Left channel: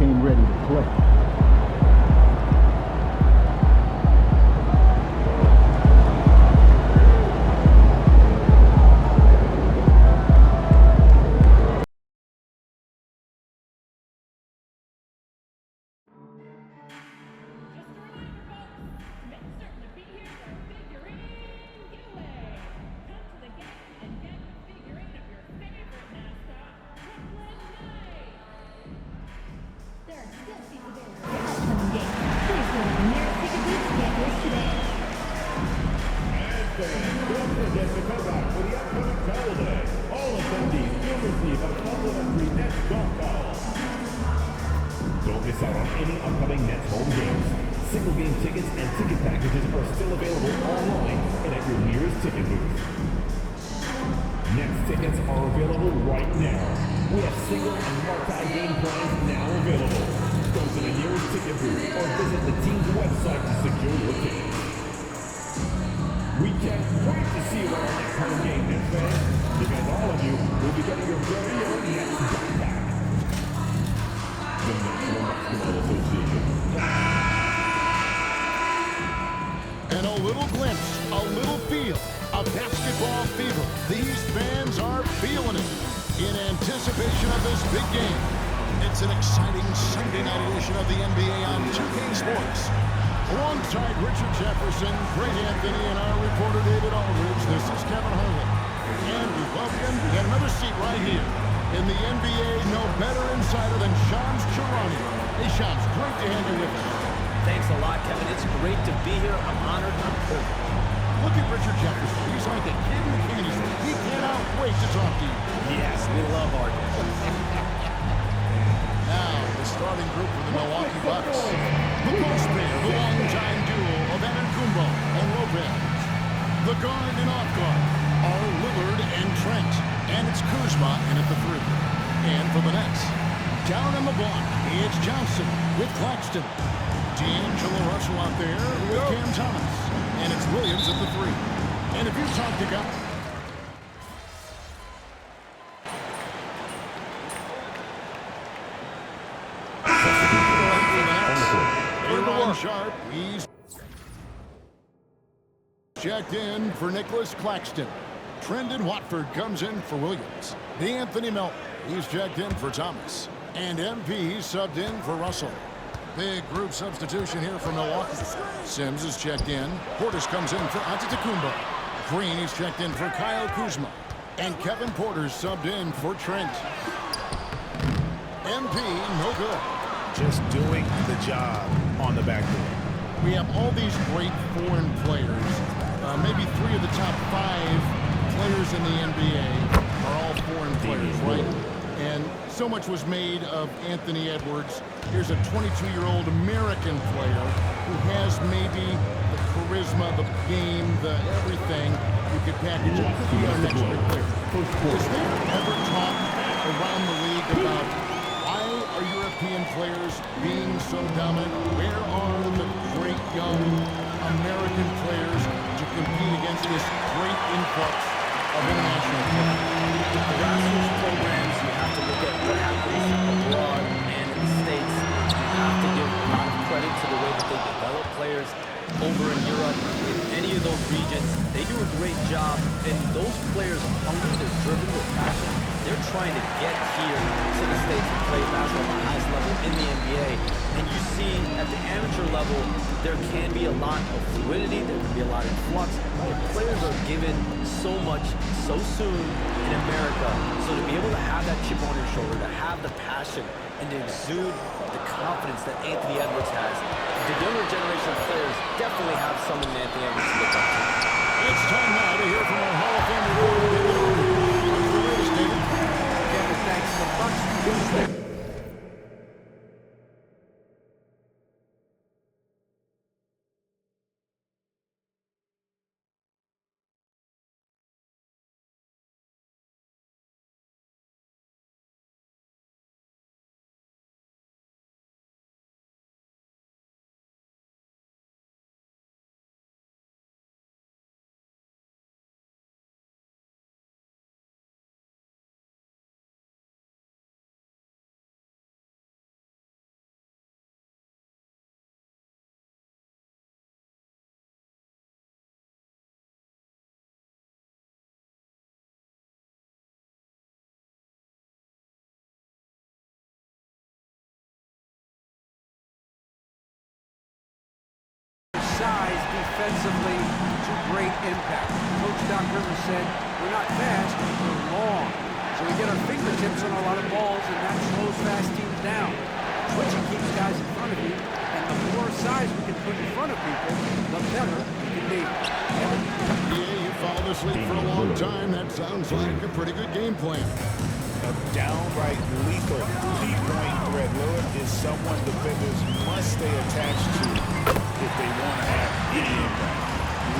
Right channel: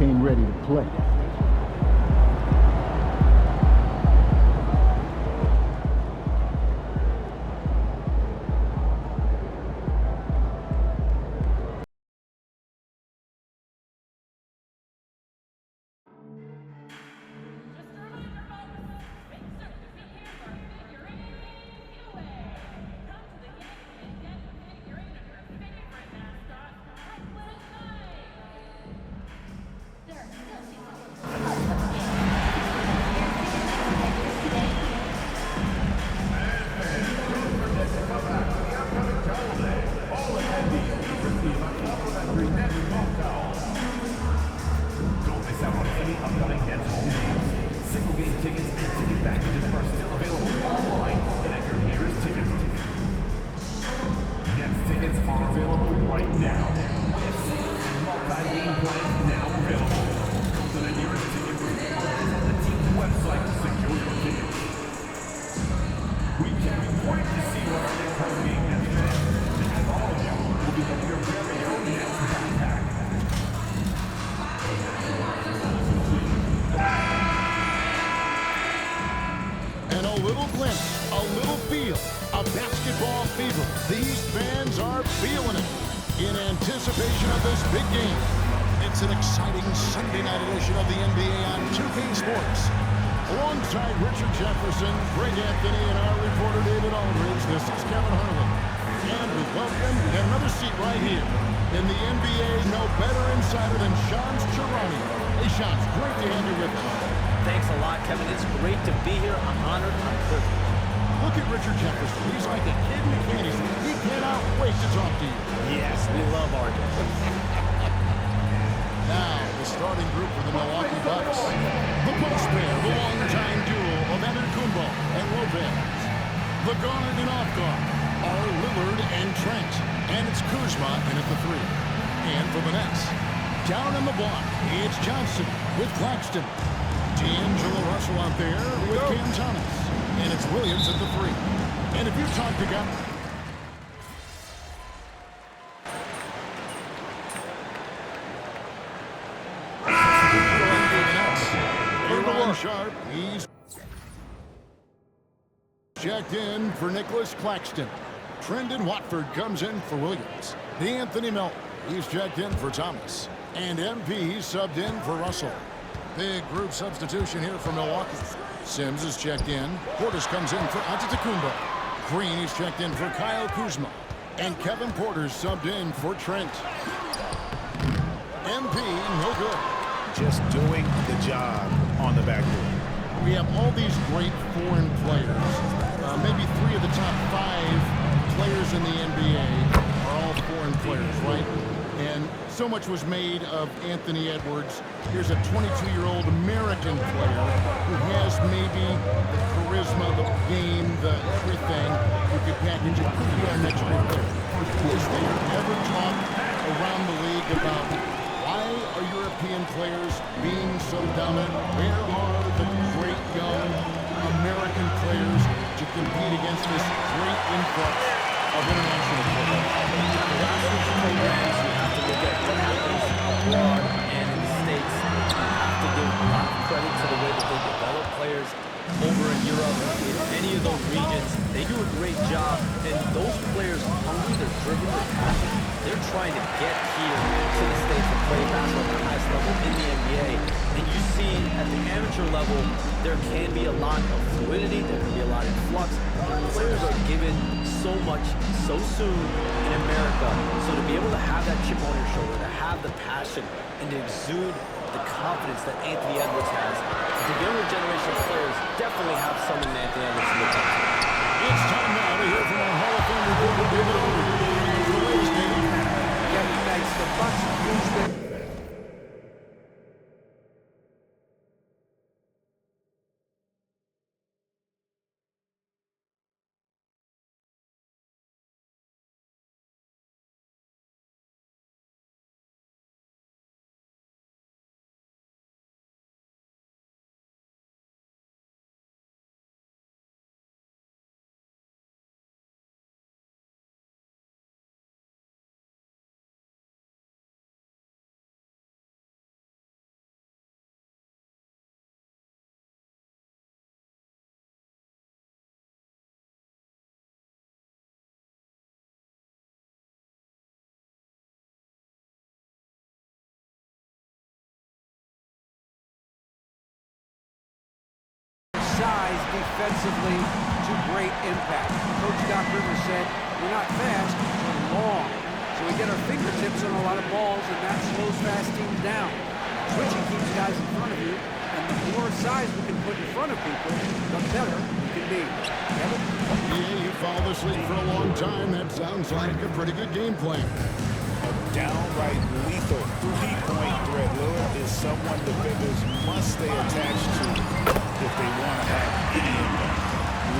came ready to play. Don't miss out on any upcoming Nets home games. Single game tickets and ticket packages are still available online and at your nearest ticket booth. Nets tickets are available right now. We have single and multi-game plans now available. Go to the nearest ticket booth or visit the team's website to secure your tickets. We can't wait to see what our next home game is fans, because all of you will be getting your very own Nets backpack. The National Basketball Association. And a little glimpse, a little feel of basketball fever. These fans are feeling it in anticipation of this big game. It's an exciting Sunday night edition of the NBA on 2K Sports. Alongside Richard Jefferson, Greg Anthony, and our reporter David Aldridge, this is Kevin Harlan. And we welcome, we got another seat right here. In the NBA, no better insider than Shams Charania. Hey, Shams, great to have you with us. Thanks a lot, Kevin. It's great to be here. I'm honored. I'm privileged. Look at Richard Jefferson. He's like a kid in a candy store. He cannot wait to talk to you. Yes, we love RJ. Now, the starting group for the Milwaukee Bucks. The post pair, the longtime duo of Antetokounmpo and Lopez. The guard and off guard are Lillard and Trent. And it's Kuzma in at the 3. And for the Nets, down on the block, it's Johnson with Claxton. D'Angelo Russell out there with Cam Thomas. And it's Williams at the 3. And if you talk to guys... Sharp, he's checked in for Nicholas Claxton. Trendon Watford comes in for Williams. Anthony Melton, he's checked in for Thomas. And MP subbed in for Russell. Big group substitution here for Milwaukee. Sims is checked in. Portis comes in for Antetokounmpo. Green, he's checked in for Kyle Kuzma. And Kevin Porter's subbed in for Trent. MP, no good. Just doing the job on the backboard. We have all these great foreign players. Maybe 3 of the top 5 players in the NBA are all foreign players, right? And so much was made of Anthony Edwards. Here's a 22-year-old American player who has maybe the charisma, the game, the everything you could package. It could be our next great player. Is there ever talk around the league about why are European players being so dominant? Where are the great young American players to compete against this great influx of international players? The grassroots programs, you have to look at what happens abroad and in the States. You have to give a lot of credit to the way that they develop players over in Europe. In any of those regions, they do a great job. And those players are hungry, they're driven, they're passionate. They're trying to get here to the States to play basketball at the highest level in the NBA. And you see at the amateur level, there can be a lot of fluidity, there can be a lot of flux, and players are given so much so soon in America. So to be able to have that chip on your shoulder, to have the passion, and to exude the confidence that Anthony Edwards has, the younger generation of players definitely have someone in Anthony Edwards to look up to. It's time now to hear from our Hall of Fame reporter, David Aldridge. What's the latest, David? Kevin, thanks. The Bucks used their size defensively to great impact. Coach Doc Rivers said, we're not fast, we're long. So we get our fingertips on a lot of balls, and that slows fast teams down. Switching keeps guys in front of you, and the more size we can put in front of people, the better we can be. Kevin? Yeah, you followed this league for a long time. That sounds like a pretty good game plan. A downright lethal three-point threat. Lillard is someone defenders must stay attached to if they want to have any impact.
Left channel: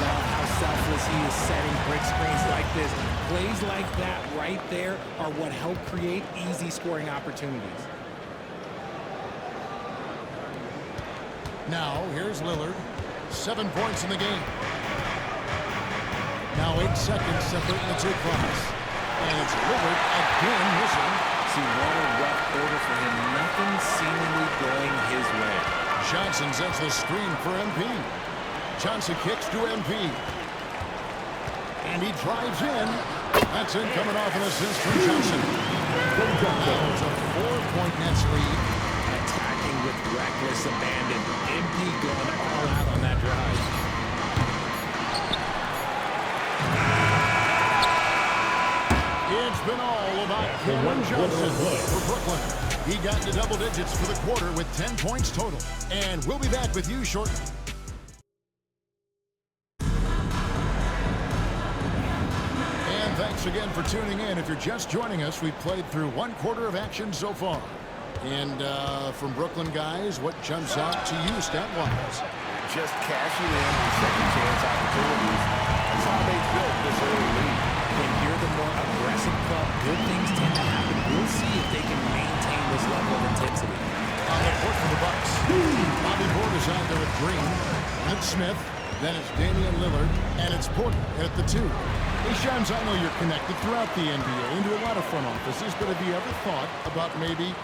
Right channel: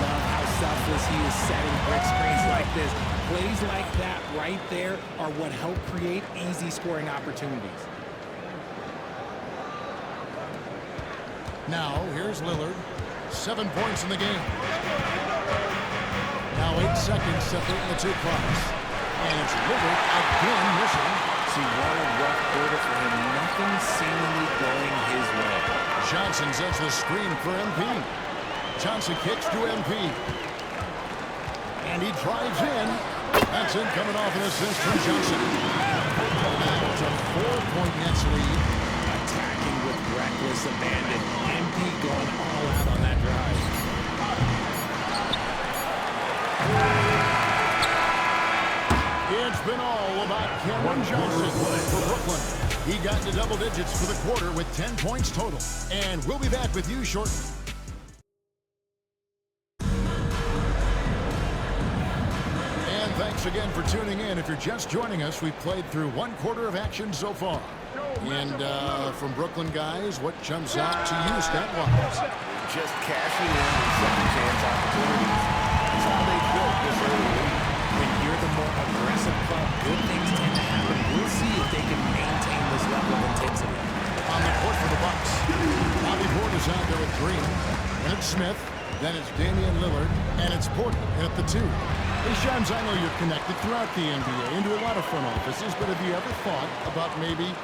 Love how selfless he is setting brick screens like this. Plays like that right there are what help create easy scoring opportunities. Now, here's Lillard. 7 points in the game. Now 8 seconds separating the two clocks. And it's Lillard again missing. See, what a rough quarter for him. Nothing seemingly going his way. Johnson sets the screen for MP. Johnson kicks to MP. And he drives in. That's in, coming off an assist from Johnson. Now it's a 4-point Nets lead. Attacking with reckless abandon. MP going all out on that drive. It's been all about Cameron Johnson for Brooklyn. He got to double digits for the quarter with 10 points total. And we'll be back with you shortly. And thanks again for tuning in. If you're just joining us, we've played through 1 quarter of action so far. And from Brooklyn guys, what jumps out to you stat-wise? Just cashing in on second chance opportunities. That's how they built this early lead. When you're the more aggressive club, good things tend to happen. We'll see if they can maintain this level of intensity. On the court for the Bucks, Bobby Porter's out there with Green. Then it's Smith. Then it's Damian Lillard. And it's Porter at the 2. Hey, Shams, I know you're connected throughout the NBA into a lot of front offices, but have you ever thought about maybe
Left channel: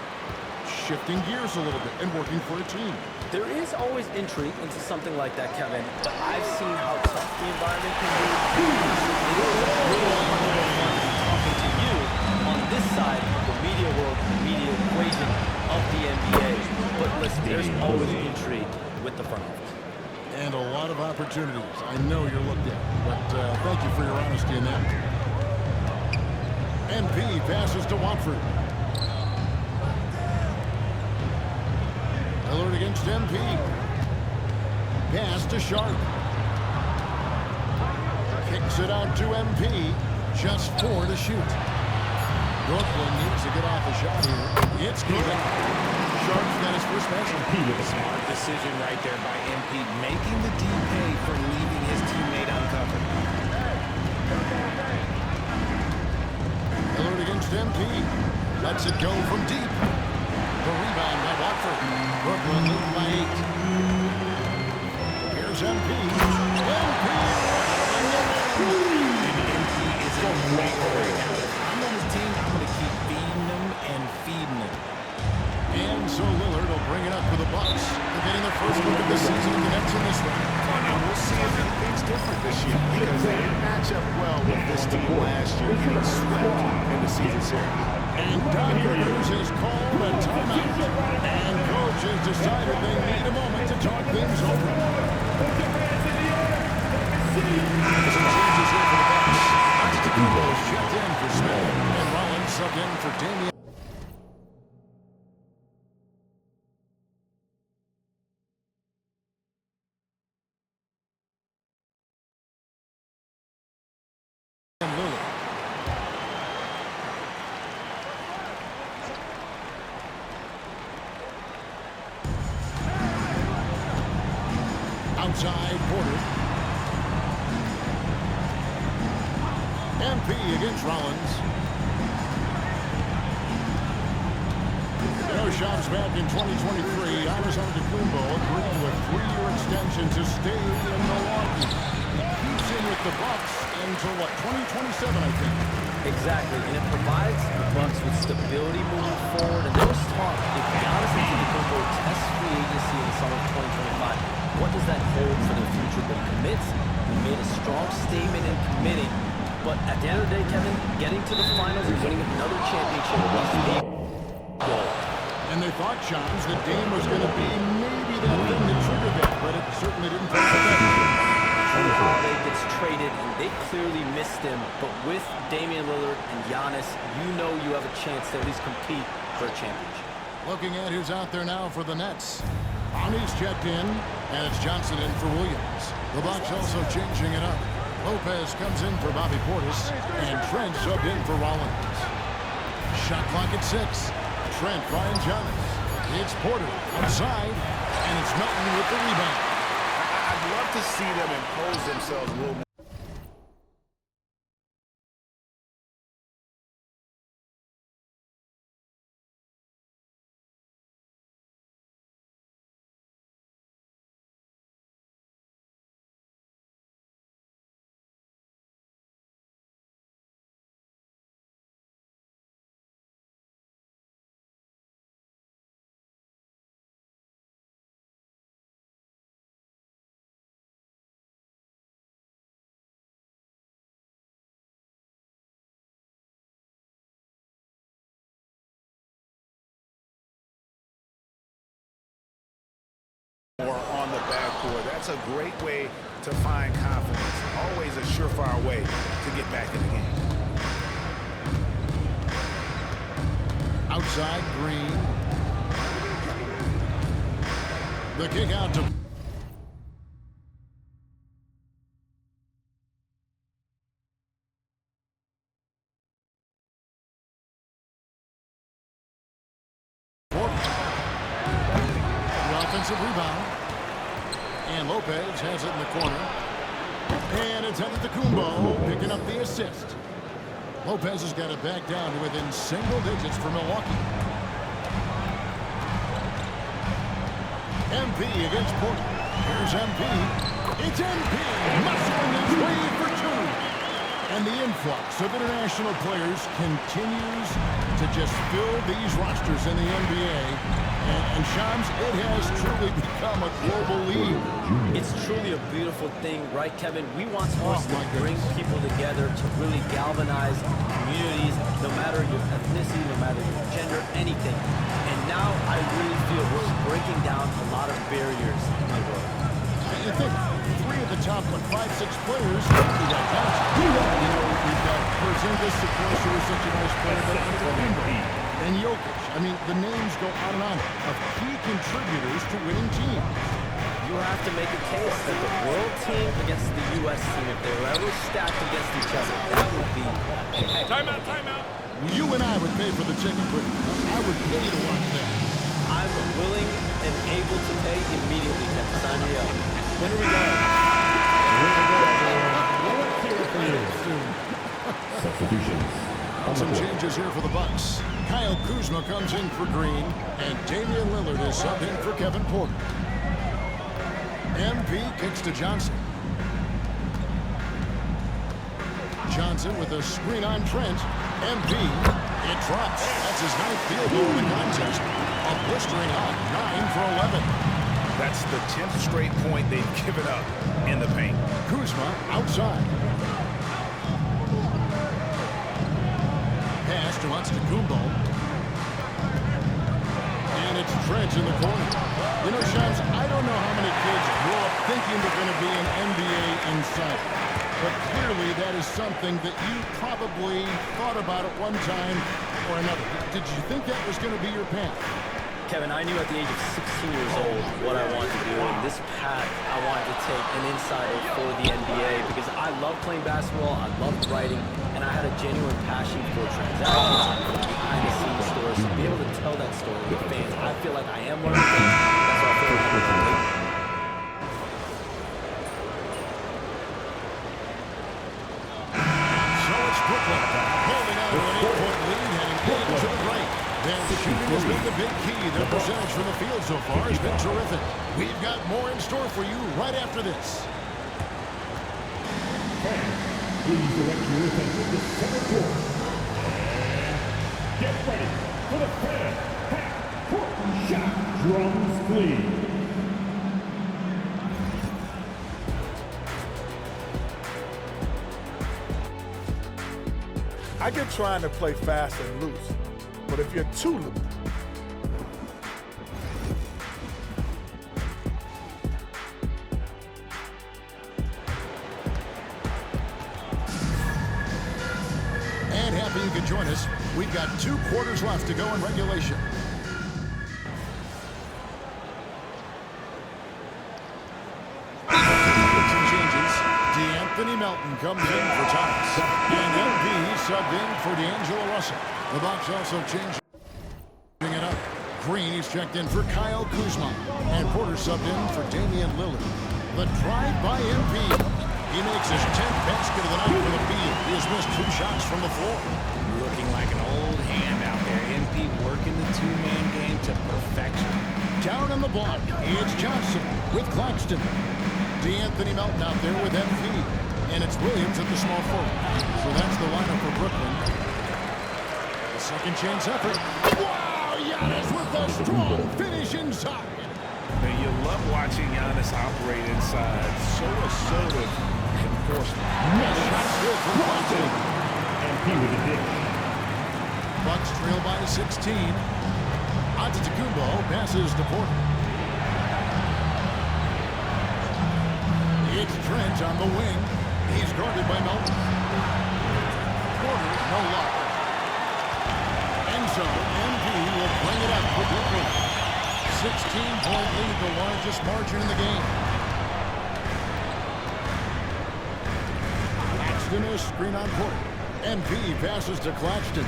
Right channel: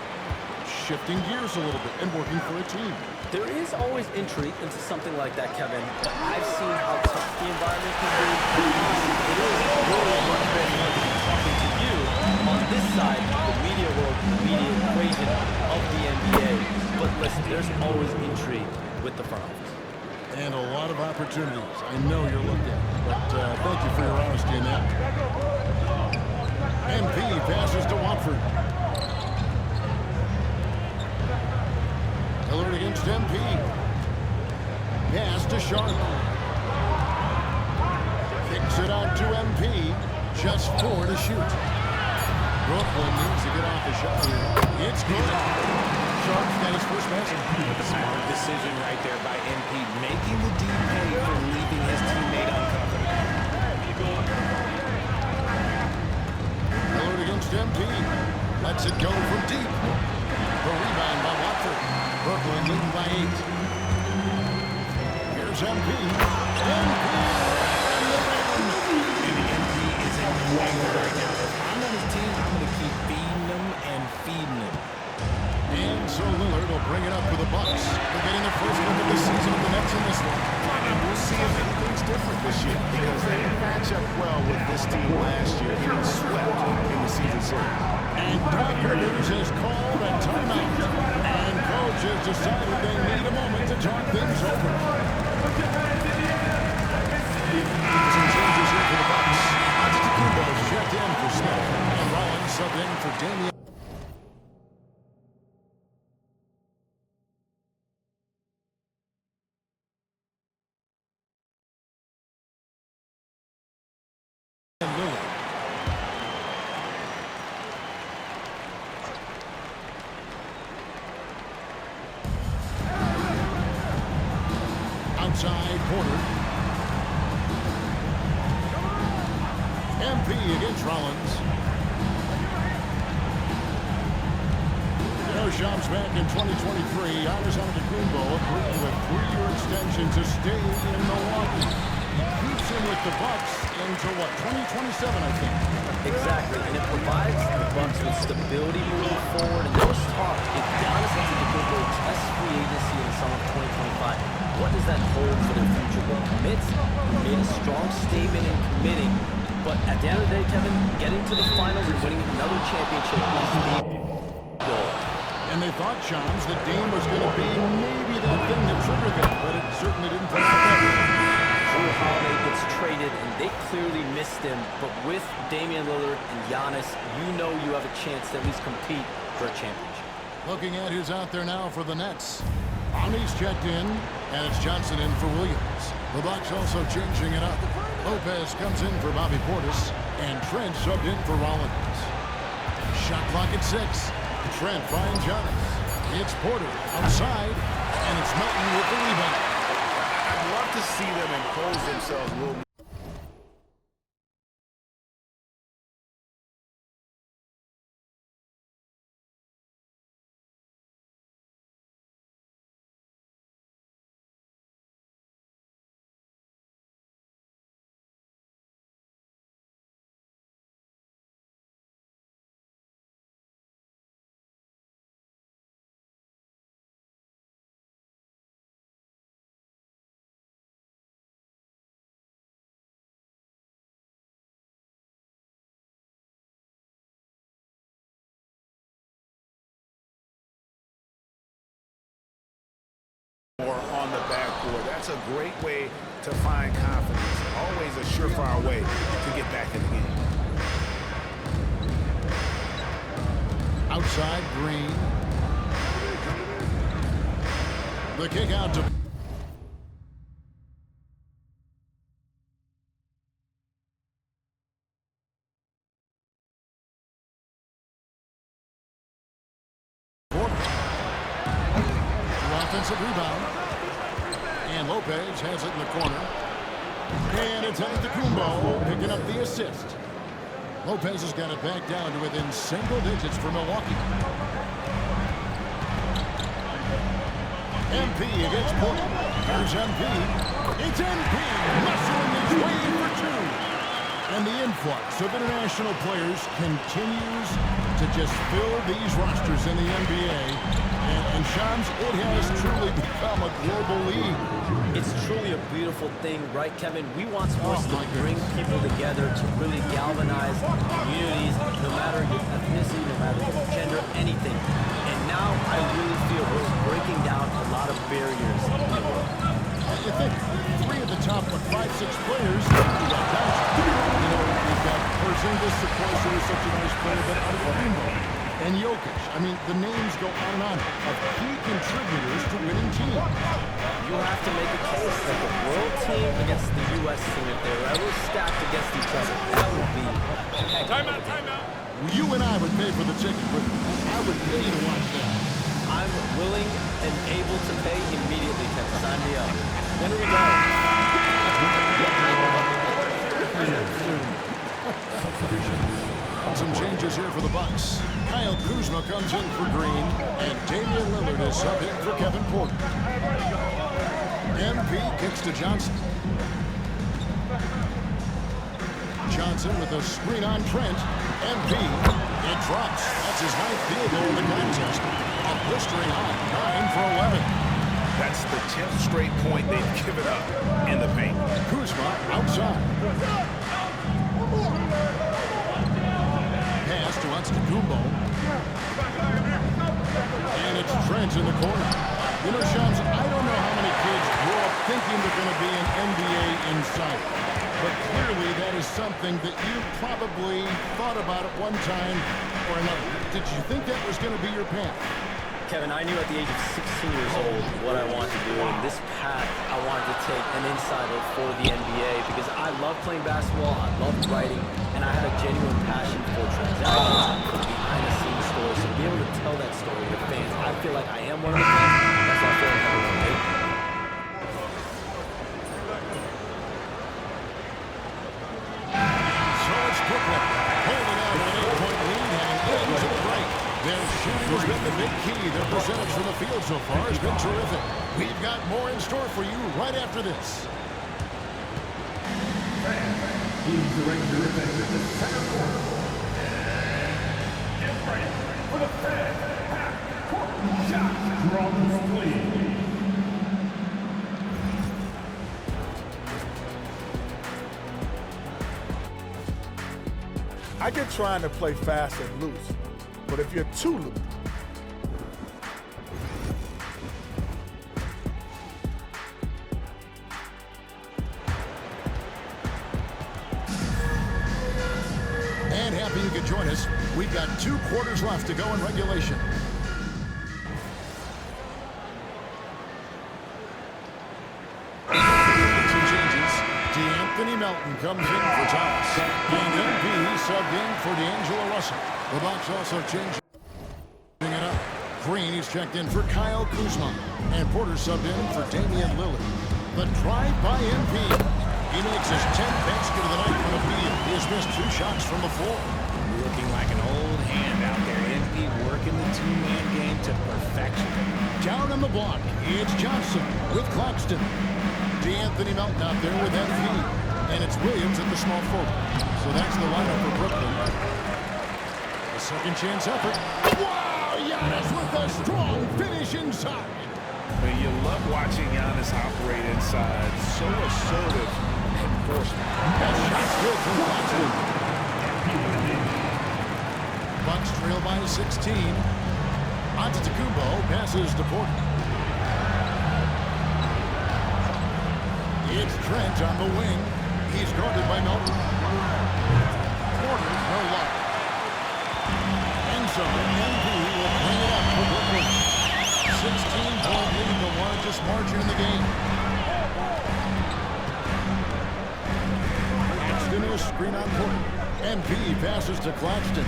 shifting gears a little bit and working for a team? There is always intrigue into something like that, Kevin, but I've seen how tough the environment can be. And honestly, it is really much more fun to be talking to you on this side of the media world and the media equation of the NBA. But listen, there's always intrigue with the front office. And a lot of opportunities. I know you're looked at, but thank you for your honesty in that. MP passes to Watford. Lillard against MP. Pass to Sharp. Kicks it out to MP. Just 4 to shoot. Brooklyn needs to get off the shot here. It's good. Sharp's got his first basket. Smart decision right there by MP, making the D pay for leaving his teammate uncovered. Lillard against MP. Lets it go from deep. The rebound by Watford. Brooklyn leading by 8. Here's MP. MP around the rim. And MP is in fuego right now. If I'm on his team, I'm going to keep feeding him and feeding him. And so Lillard will bring it up for the Bucks. They're getting their first look of the season with the Nets in this one. And we'll see if anything's different this year because they didn't match up well with this team last year, getting swept in the season series. And Doc Rivers has called a timeout. And coach has decided they need a moment to talk things over. Some changes here for the Bucks. Antetokounmpo's checked in for Smith. And Rollins subbed in for Damian. Lillard. Outside Porter. MP against Rollins. You know, Shams, back in 2023, Giannis Antetokounmpo agreed to a 3-year extension to stay in Milwaukee. He keeps him with the Bucks until, what, 2027, I think? Exactly, and it provides the Bucks with stability moving forward. And there was talk, if Giannis Antetokounmpo tests free agency in the summer of 2025, what does that hold for the future? But he commits. He made a strong statement in committing. But at the end of the day, Kevin, getting to the finals and winning another championship is the goal. And they thought, Shams, that Dame was going to be maybe that thing that triggered that, but it certainly didn't turn out that way. Drew Holiday gets traded, and they clearly missed him. But with Damian Lillard and Giannis, you know you have a chance to at least compete for a championship. Looking at who's out there now for the Nets. Brownie's checked in, and it's Johnson in for Williams. The Bucks also changing it up. Lopez comes in for Bobby Portis, and Trent subbed in for Rollins. Shot clock at 6. Trent finds Giannis. It's Porter outside, and it's Melton with the rebound. I'd love to see them impose themselves a little more. Or on the backboard. That's a great way to find confidence. Always a surefire way to get back in the game. Outside, Green. The kick out to... Offensive rebound. And Lopez has it in the corner. And it's headed to Kumbo, picking up the assist. Lopez has got it back down to within single digits for Milwaukee. MP against Porter. Here's MP. It's MP muscling his way for 2. And the influx of international players continues to just fill these rosters in the NBA. And Shams, it has truly become a global league. It's truly a beautiful thing, right, Kevin? We want sports to bring people together, to really galvanize communities, no matter your ethnicity, no matter your gender, anything. And now I really feel we're breaking down a lot of barriers in the world. I think 3 of the top, 5-6 players, we got Johnson. You know, we've got Porzingis, of course, who is such a nice player, but Antetokounmpo and Jokic. I mean, the names go on and on of key contributors to winning teams. You have to make a case that the world team against the U.S. team, if they were ever stacked against each other, that would be a heck of a game. Timeout. You and I would pay for the ticket, but I would pay to watch that. I'm willing and able to pay immediately, Kevin. Sign me up. When are we going? Soon. Some changes here for the Bucks. Kyle Kuzma comes in for Green, and Damian Lillard is subbed in for Kevin Porter. MP kicks to Johnson. Johnson with a screen on Trent. MP, it drops. That's his 9th field goal in the contest. A blistering hot 9 for 11. That's the 10th straight point they've given up in the paint. Kuzma outside. Pass to Antetokounmpo. And it's Trent in the corner. You know, Shams, I don't know how many kids grow up thinking they're going to be an NBA insider. But clearly that is something that you probably thought about at one time or another. Did you think that was going to be your path? Kevin, I knew at the age of 16 years old what I wanted to do, and this path I wanted to take an insider for the NBA because I love playing basketball, I love writing, and I had a genuine passion for transactions, for the behind-the-scenes stories, to be able to tell that story to the fans. I feel like I am one of the fans. That's why I feel like I have to relate. So it's Brooklyn holding on to an 8-point lead, heading into the break. Their shooting has been the big key. Their percentage from the field so far has been terrific. We've got more in store for you right after this. Fans, please direct your attention to center court. And get ready for the fan half-court shot. Drums, please. I get trying to play fast and loose, but if you're too loose, And happy you could join us. We've got 2 quarters left to go in regulation. Some changes. DeAnthony Melton comes in for Thomas. And MP subbed in for D'Angelo Russell. The Bucks also changing it up. Green is checked in for Kyle Kuzma. And Porter subbed in for Damian Lillard. The drive by MP. He makes his 10th basket of the night from the field. He has missed 2 shots from the floor. Looking like an old hand out there. MP working the 2-man game to perfection. Down on the block, it's Johnson with Claxton. DeAnthony Melton out there with MP. And it's Williams at the small forward. So that's the lineup for Brooklyn. The second chance effort. Wow, Giannis with a strong finish inside. And you love watching Giannis operate inside. So assertive enforcement. That shot's good from Claxton. MP with a dish. Bucks trail by 16. Antetokounmpo passes to Porter. It's Trent on the wing. He's guarded by Melton. Porter, no luck. And so MP will bring it up for Brooklyn. 16-point lead, the largest margin in the game. Claxton is screen on Porter. MP passes to Claxton.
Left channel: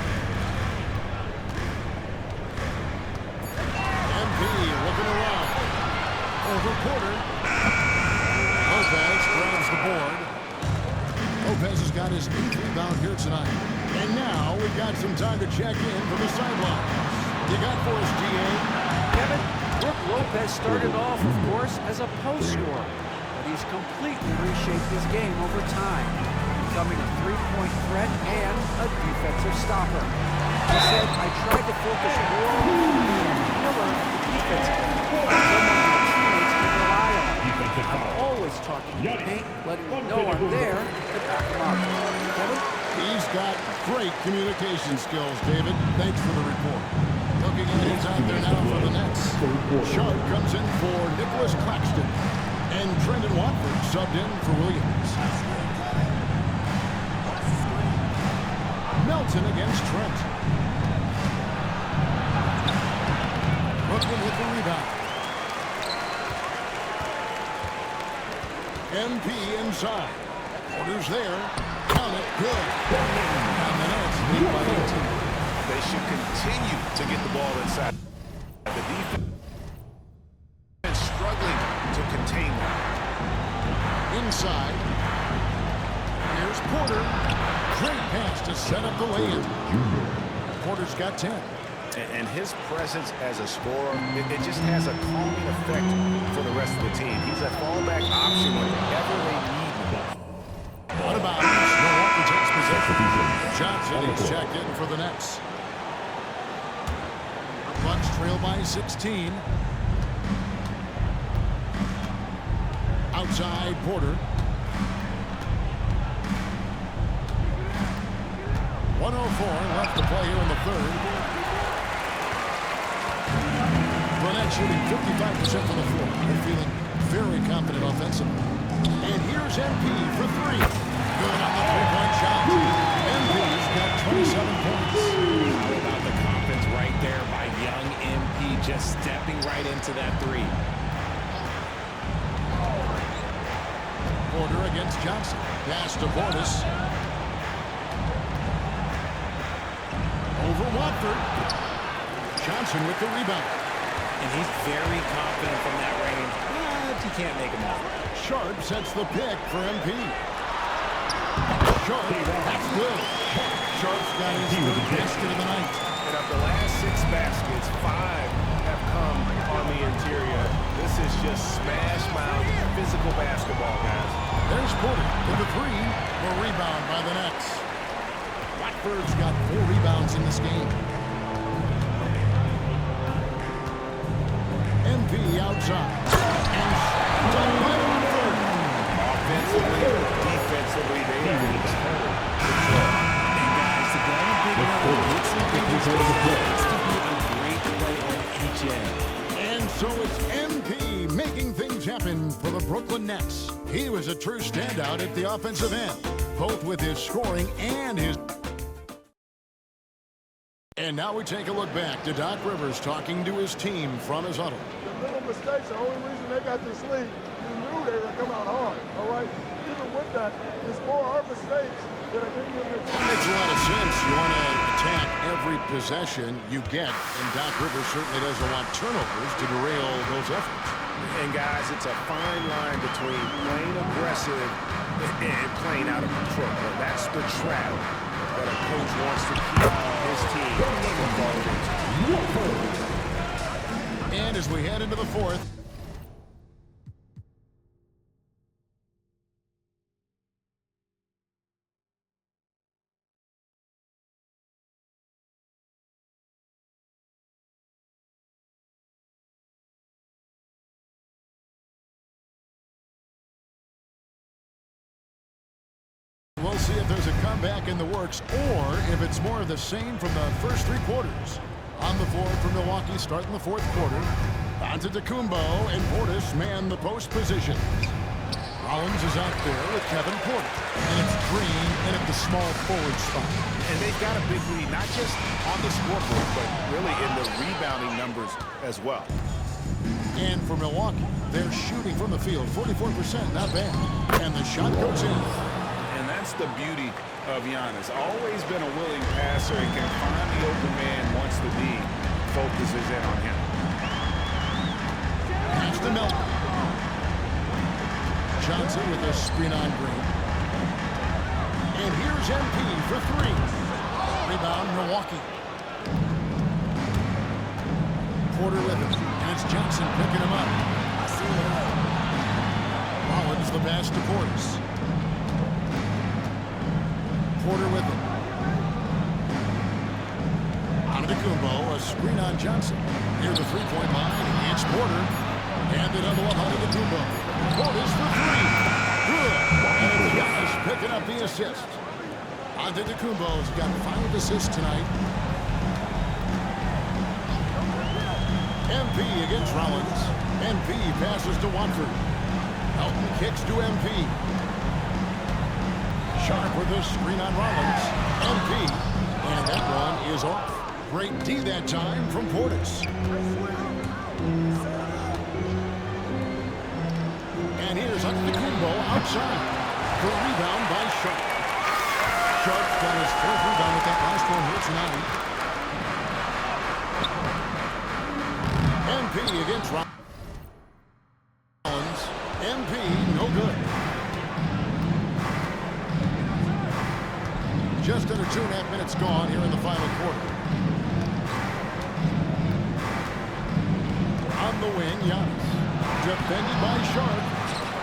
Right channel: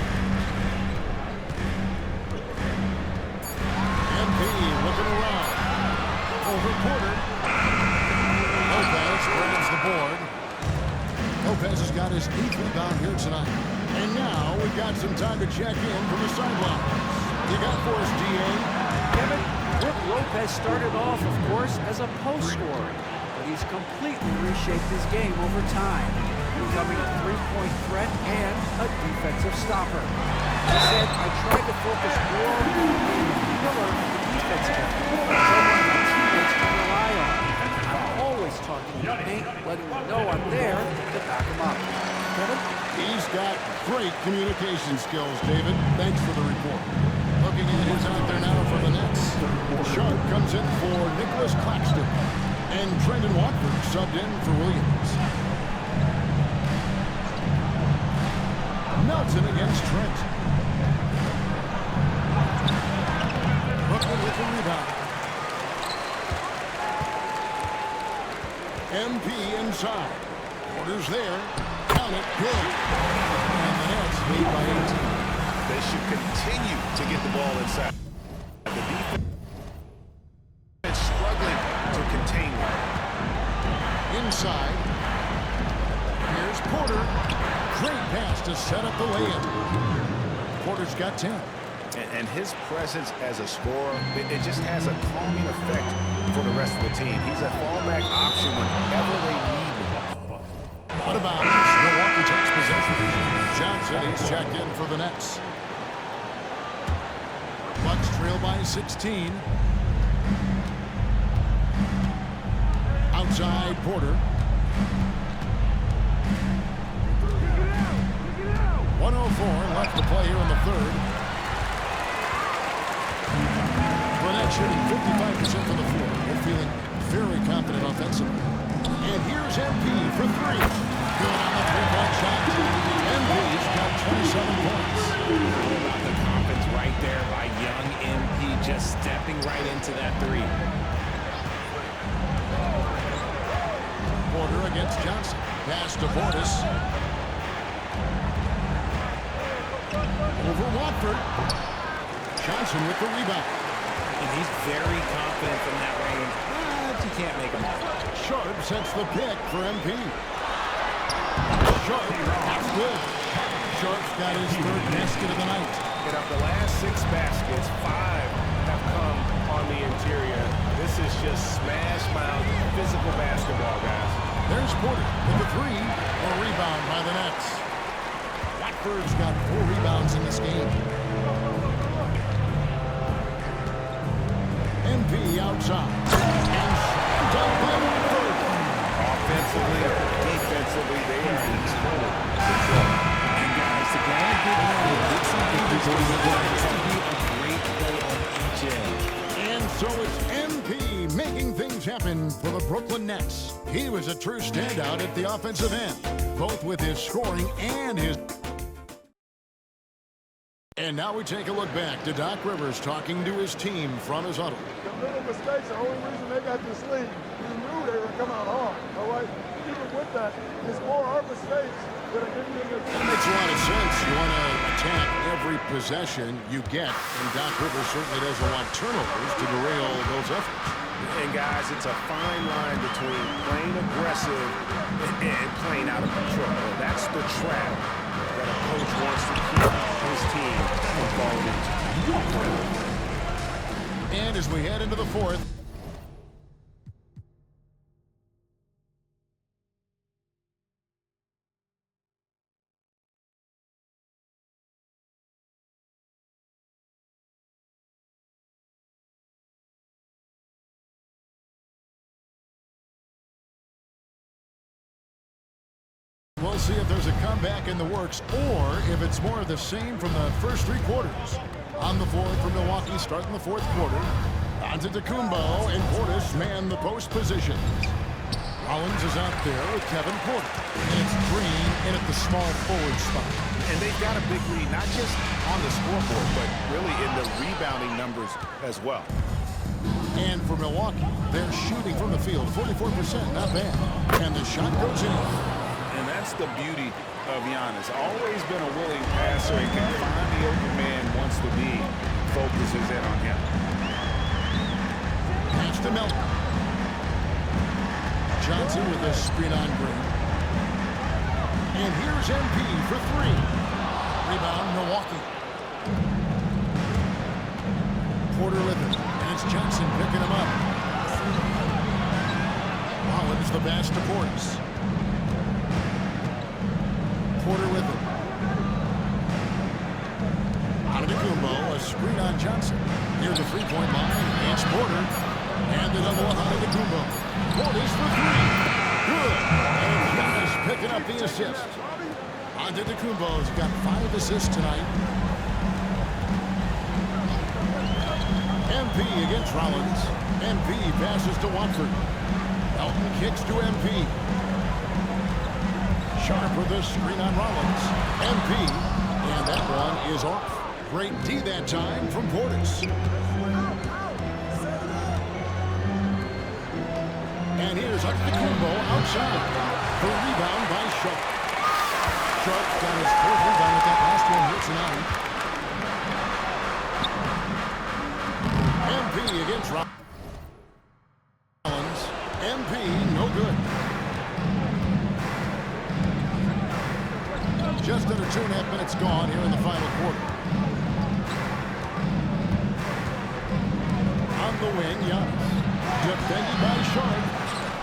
MP looking around. Over Porter. Lopez grabs the board. Lopez has got his 8th rebound here tonight. And now we've got some time to check in from the sidelines. You got for us, D.A.? Kevin, Brook Lopez started off, of course, as a post scorer, but he's completely reshaped his game over time, becoming a 3-point threat and a defensive stopper. He said, I tried to focus more on being a pillar at the defensive end, someone my teammates can rely on. I'm always talking in the paint, letting them know I'm there to back them up. Kevin? He's got great communication skills, David. Thanks for the report. Looking at who's out there now for the Nets. Sharp comes in for Nicholas Claxton. And Trendon Watford subbed in for Williams. Melton against Trent. Brooklyn with the rebound. MP inside. Porter's there. Count it. Good. And the Nets lead by 18. They should continue to get the ball inside. The defense struggling to contain them. Inside. Here's Porter. Great pass to set up the lay-in. Porter's got 10. And his presence as a scorer, it just has a calming effect for the rest of the team. He's a fallback option whenever they need him. What about Milwaukee takes possession? Johnson, he's checked in for the Nets. Bucks trail by 16. Outside Porter. 1:04 left to play here in the third. The Nets shooting 55% from the floor. They're feeling very confident offensively. And here's MP for 3. Good on the 3-point shot. MP's got 27 points. How about the confidence right there by young MP, just stepping right into that 3. Porter against Johnson. Pass to Portis. Over Watford. Johnson with the rebound. And he's very confident from that range, but you can't make him out. Sharp sets the pick for MP. Sharp, that's good. Sharp's got his 3rd basket of the night. And of the last 6 baskets, 5 have come on the interior. This is just smash mouth physical basketball, guys. There's Porter with the 3. A rebound by the Nets. Watford's got 4 rebounds in this game. MP outside. And slammed up by Watford. Offensively, defensively, they are in total control. And guys, to go on a big run, get some big scores, it has to be a great play on each end. And so it's MP making things happen for the Brooklyn Nets. He was a true standout at the offensive end, both with his scoring and his And now we take a look back to Doc Rivers talking to his team from his huddle. The little mistakes, the only reason they got this lead, you knew they were going to come out hard, all right? Even with that, it's more our mistakes that are giving them this. That makes a lot of sense. You want to attack every possession you get, and Doc Rivers certainly doesn't want turnovers to derail those efforts. And guys, it's a fine line between playing aggressive and playing out of control. That's the trap that a coach wants to keep his team from falling into. And as we head into the fourth, we'll see if there's a comeback in the works or if it's more of the same from the first 3 quarters. On the floor for Milwaukee starting the fourth quarter. Antetokounmpo and Portis man the post positions. Rollins is out there with Kevin Porter. And it's Green in at the small forward spot. And they've got a big lead, not just on the scoreboard, but really in the rebounding numbers as well. And for Milwaukee, they're shooting from the field 44%, not bad. And the shot goes in. And that's the beauty of Giannis. Always been a willing passer and can find the open man once the D focuses in on him. Pass to Melton. Johnson with a screen on Green. And here's MP for 3. Rebound, Milwaukee. Porter with him. And it's Johnson picking him up. Rollins the pass to Portis. Porter with it. Antetokounmpo, a screen on Johnson. Near the three-point line, it's Porter. And the double up Antetokounmpo. Portis for 3. Good. And Giannis picking up the assist. Antetokounmpo's got 5 assists tonight. MP against Rollins. MP passes to Watford. Elton kicks to MP. Sharp with a screen on Rollins. MP. And that one is off. Great D that time from Portis. And here's Antetokounmpo outside. For a rebound by Sharp. Sharp's got his 4th rebound with that last one here tonight. MP against Rollins. MP, no good. Just under 2.5 minutes gone here in the final quarter. On the wing, Giannis. Defended by Sharp.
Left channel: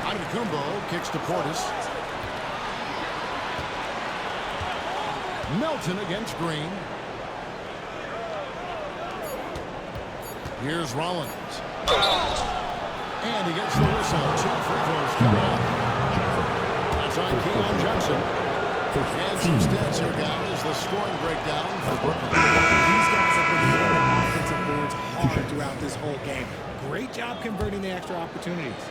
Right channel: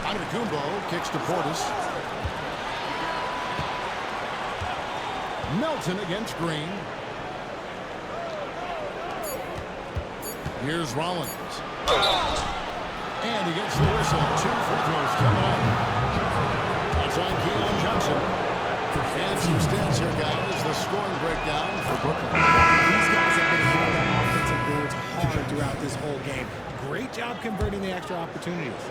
Antetokounmpo kicks to Portis. Melton against Green. Here's Rollins. And he gets the whistle. 2 free throws coming up. That's on Keon Johnson. And some stats here, guys. The scoring breakdown for Brooklyn. These guys have been hitting the offensive boards hard throughout this whole game. Great job converting the extra opportunities.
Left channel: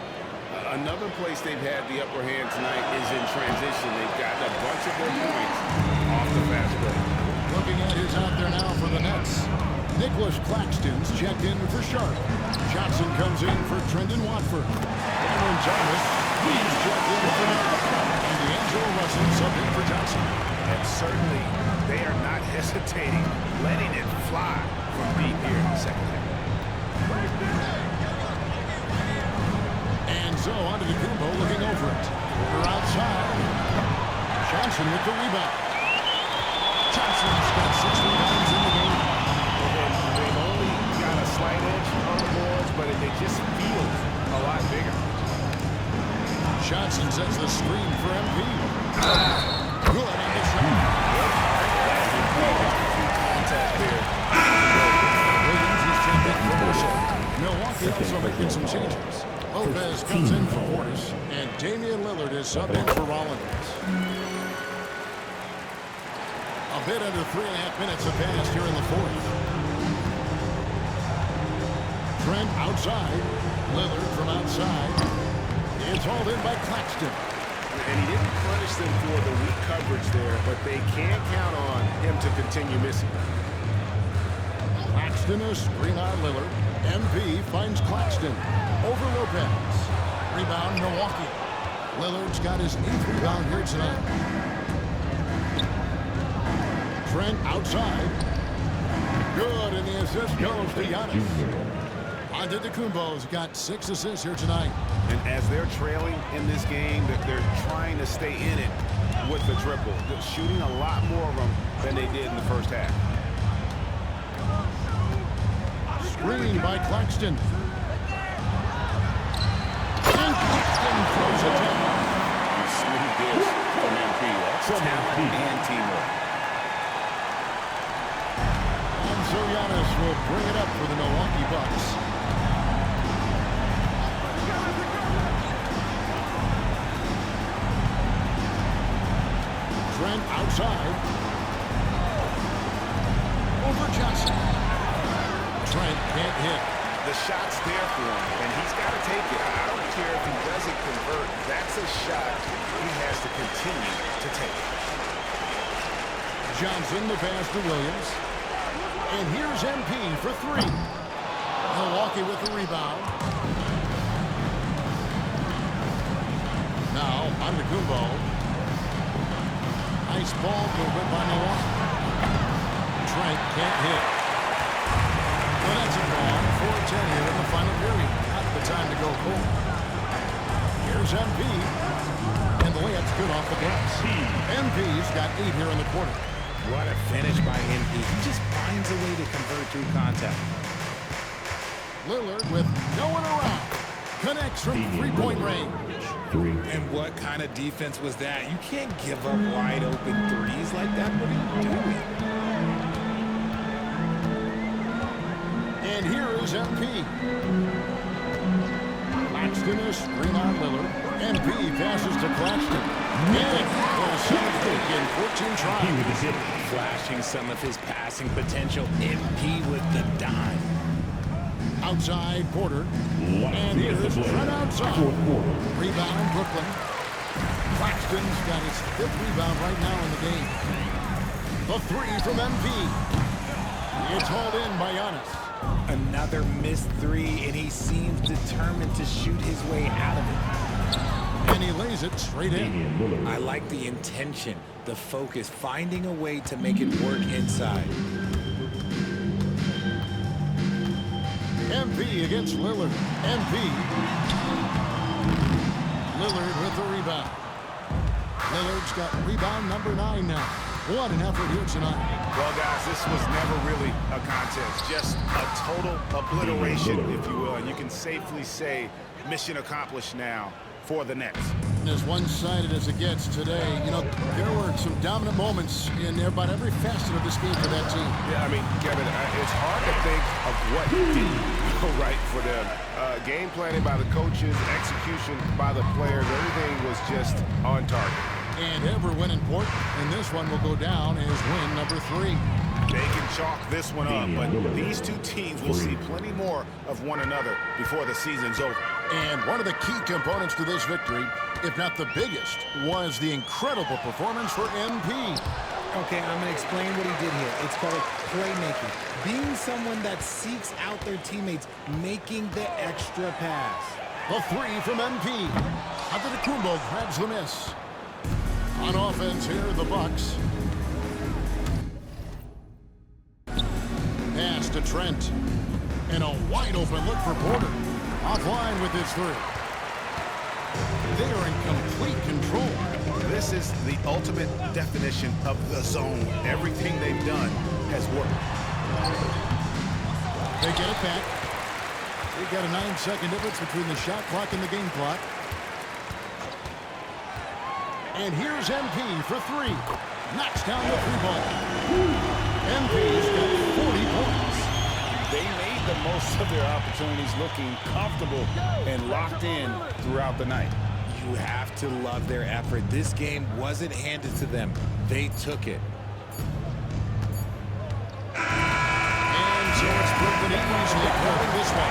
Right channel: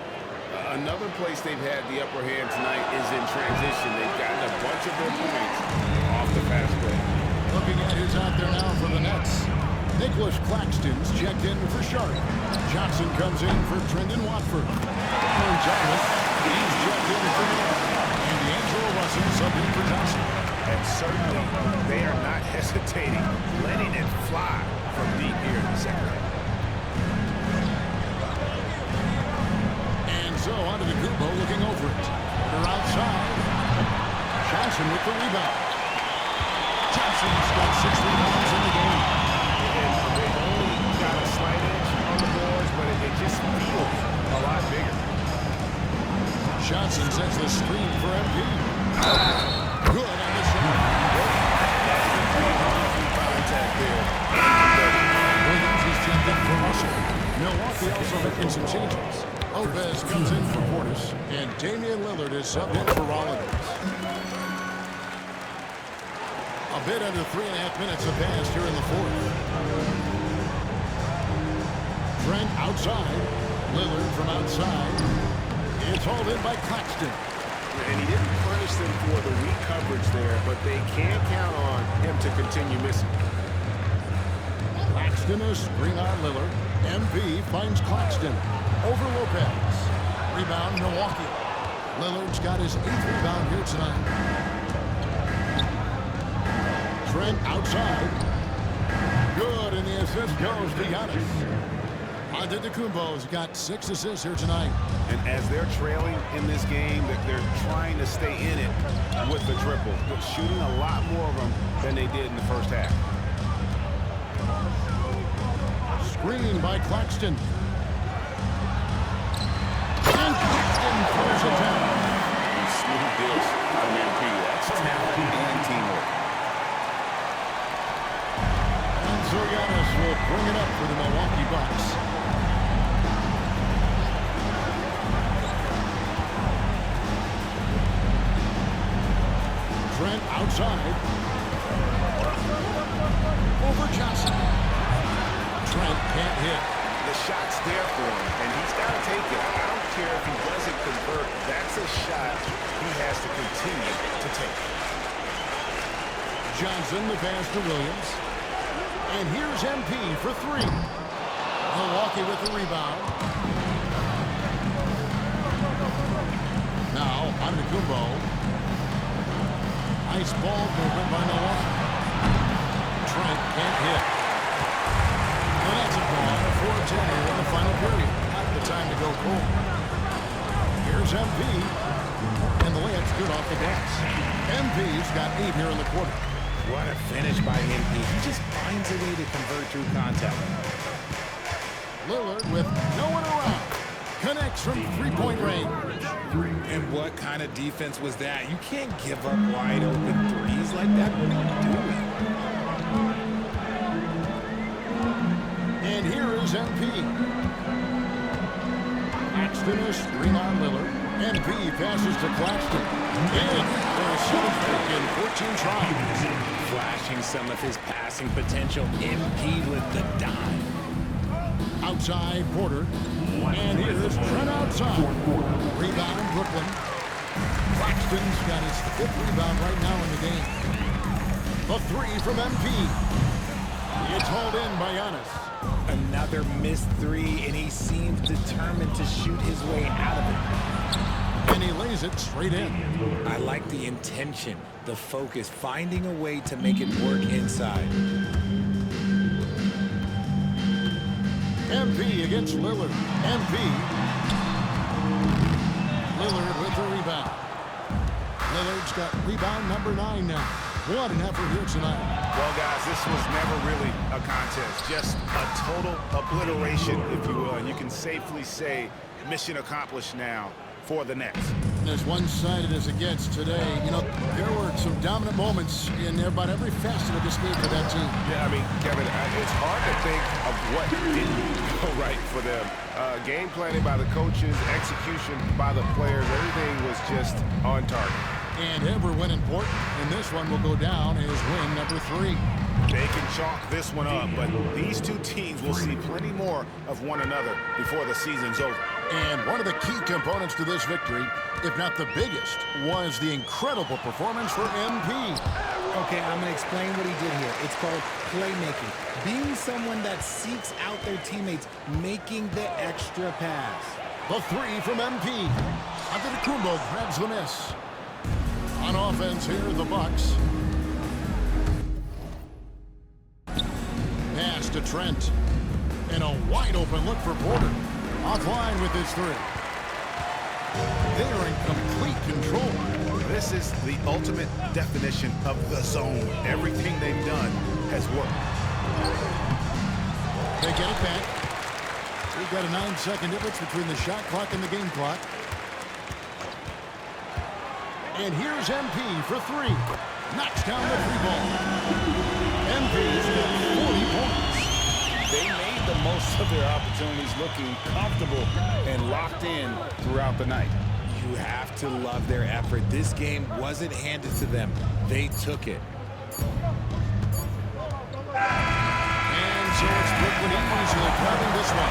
Another place they've had the upper hand tonight is in transition. They've gotten a bunch of their points off the fast break. Looking at who's out there now for the Nets. Nicholas Claxton's checked in for Sharp. Johnson comes in for Trendon Watford. Cameron Thomas, he's checked in for Melton. And D'Angelo Russell subbed in for Johnson. And certainly, they are not hesitating, letting it fly from deep here in the second half. And so Antetokounmpo looking over it. Porter outside. Johnson with the rebound. Johnson's got 6 rebounds in the game. And they've only got a slight edge on the boards, but it just feels a lot bigger. Johnson sets the screen for MP. Good on the shot. That's a big contact there. Williams is checked in for Russell. Milwaukee also making some changes. Lopez comes in for Portis, and Damian Lillard is subbed in for Rollins. A bit under 3.5 minutes have passed here in the fourth. Trent outside. Lillard from outside. It's hauled in by Claxton. And he didn't punish them for the weak coverage there, but they can't count on him to continue missing. Claxton a screen on Lillard. MP finds Claxton. Over Lopez. Rebound, Milwaukee. Lillard's got his 8th rebound here tonight. Trent outside. Good, and the assist goes to Giannis. Antetokounmpo's got 6 assists here tonight. And as they're trailing in this game, they're trying to stay in it with the triple. They're shooting a lot more of them than they did in the first half. Screen by Claxton. And Claxton throws it down. And smooth dish from MP. That's talent and teamwork. And so Giannis will bring it up for the Milwaukee Bucks. Trent outside. Over Johnson. Trent can't hit. The shot's there for him, and he's got to take it. I don't care if he doesn't convert. That's a shot he has to continue to take. Johnson, the pass to Williams. And here's MP for 3. Milwaukee with the rebound. Now, Antetokounmpo. Nice ball movement by Milwaukee. Trent can't hit. Well, that's a gone. 4-10 here in the final period. Not the time to go cold. Here's MP. And the layup's good off the glass. MP's got 8 here in the quarter. What a finish by MP. He just finds a way to convert through contact. Lillard with no one around. Connects from 3-point range. And what kind of defense was that? You can't give up wide open threes like that. What are you doing? And here is MP. Claxton a screen on Lillard. MP passes to Claxton. In for a 7th pick in 14 tries. Flashing some of his passing potential. MP with the dime. Outside Porter. And here's Trent outside. Rebound Brooklyn. Claxton's got his 5th rebound right now in the game. The 3 from MP. It's hauled in by Giannis. Another missed 3, and he seems determined to shoot his way out of it. And he lays it straight in. I like the intention, the focus, finding a way to make it work inside. MP against Lillard. MP. Lillard with the rebound. Lillard's got rebound number 9 now. What an effort here tonight. Well, guys, this was never really a contest. Just a total obliteration, if you will. And you can safely say mission accomplished now for the Nets. As one-sided as it gets today, you know, there were some dominant moments in about every facet of this game for that team. Yeah, I mean, Kevin, it's hard to think of what didn't go right for them. Game planning by the coaches, execution by the players, everything was just on target. And every win important, and this one will go down as win number 3. They can chalk this one up, but these two teams will see plenty more of one another before the season's over. And one of the key components to this victory, if not the biggest, was the incredible performance for MP. Okay, I'm going to explain what he did here. It's called playmaking. Being someone that seeks out their teammates, making the extra pass. The 3 from MP. Antetokounmpo grabs the miss. On offense here, the Bucks. Pass to Trent. And a wide open look for Porter. Offline with his 3. They are in complete control. This is the ultimate definition of the zone. Everything they've done has worked. They get it back. We've got a 9-second difference between the shot clock and the game clock. And here's MP for 3. Knocks down the 3-ball. MP's got 40 points. They made the most of their opportunities, looking comfortable and locked in throughout the night. You have to love their effort. This game wasn't handed to them. They took it. And so it's Brooklyn easily grabbing this one.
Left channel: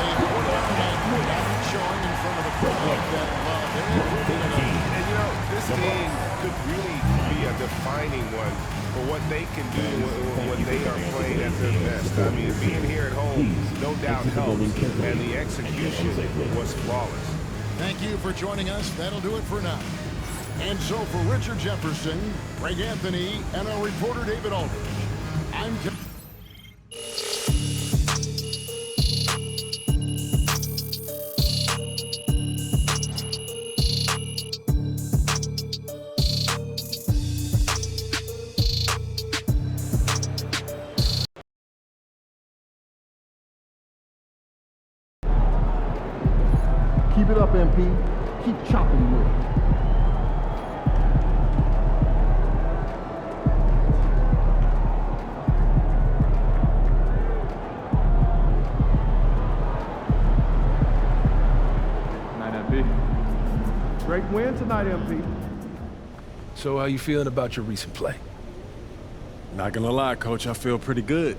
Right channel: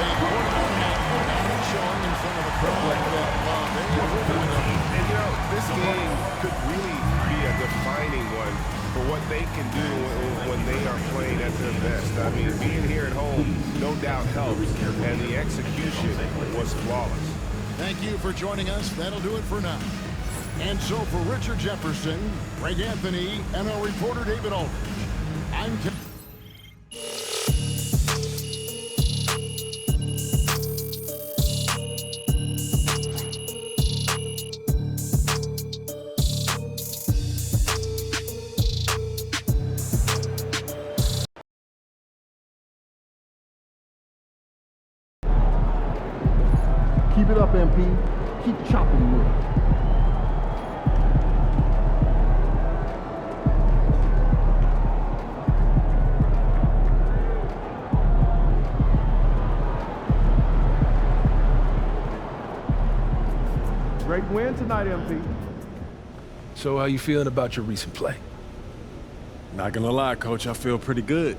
They poured it on tonight. Dominant showing in front of a crowd that loved every minute of it. And, you know, this game could really be a defining one for what they can do when they are playing at their best. I mean, being here at home no doubt helps, and the execution was flawless. Thank you for joining us. That'll do it for now. And so for Richard Jefferson, Greg Anthony, and our reporter David Aldridge, I'm Ken. Keep it up, MP. Keep chopping with it. Great win tonight, MP. So how you feeling about your recent play? Not gonna lie, Coach, I feel pretty good.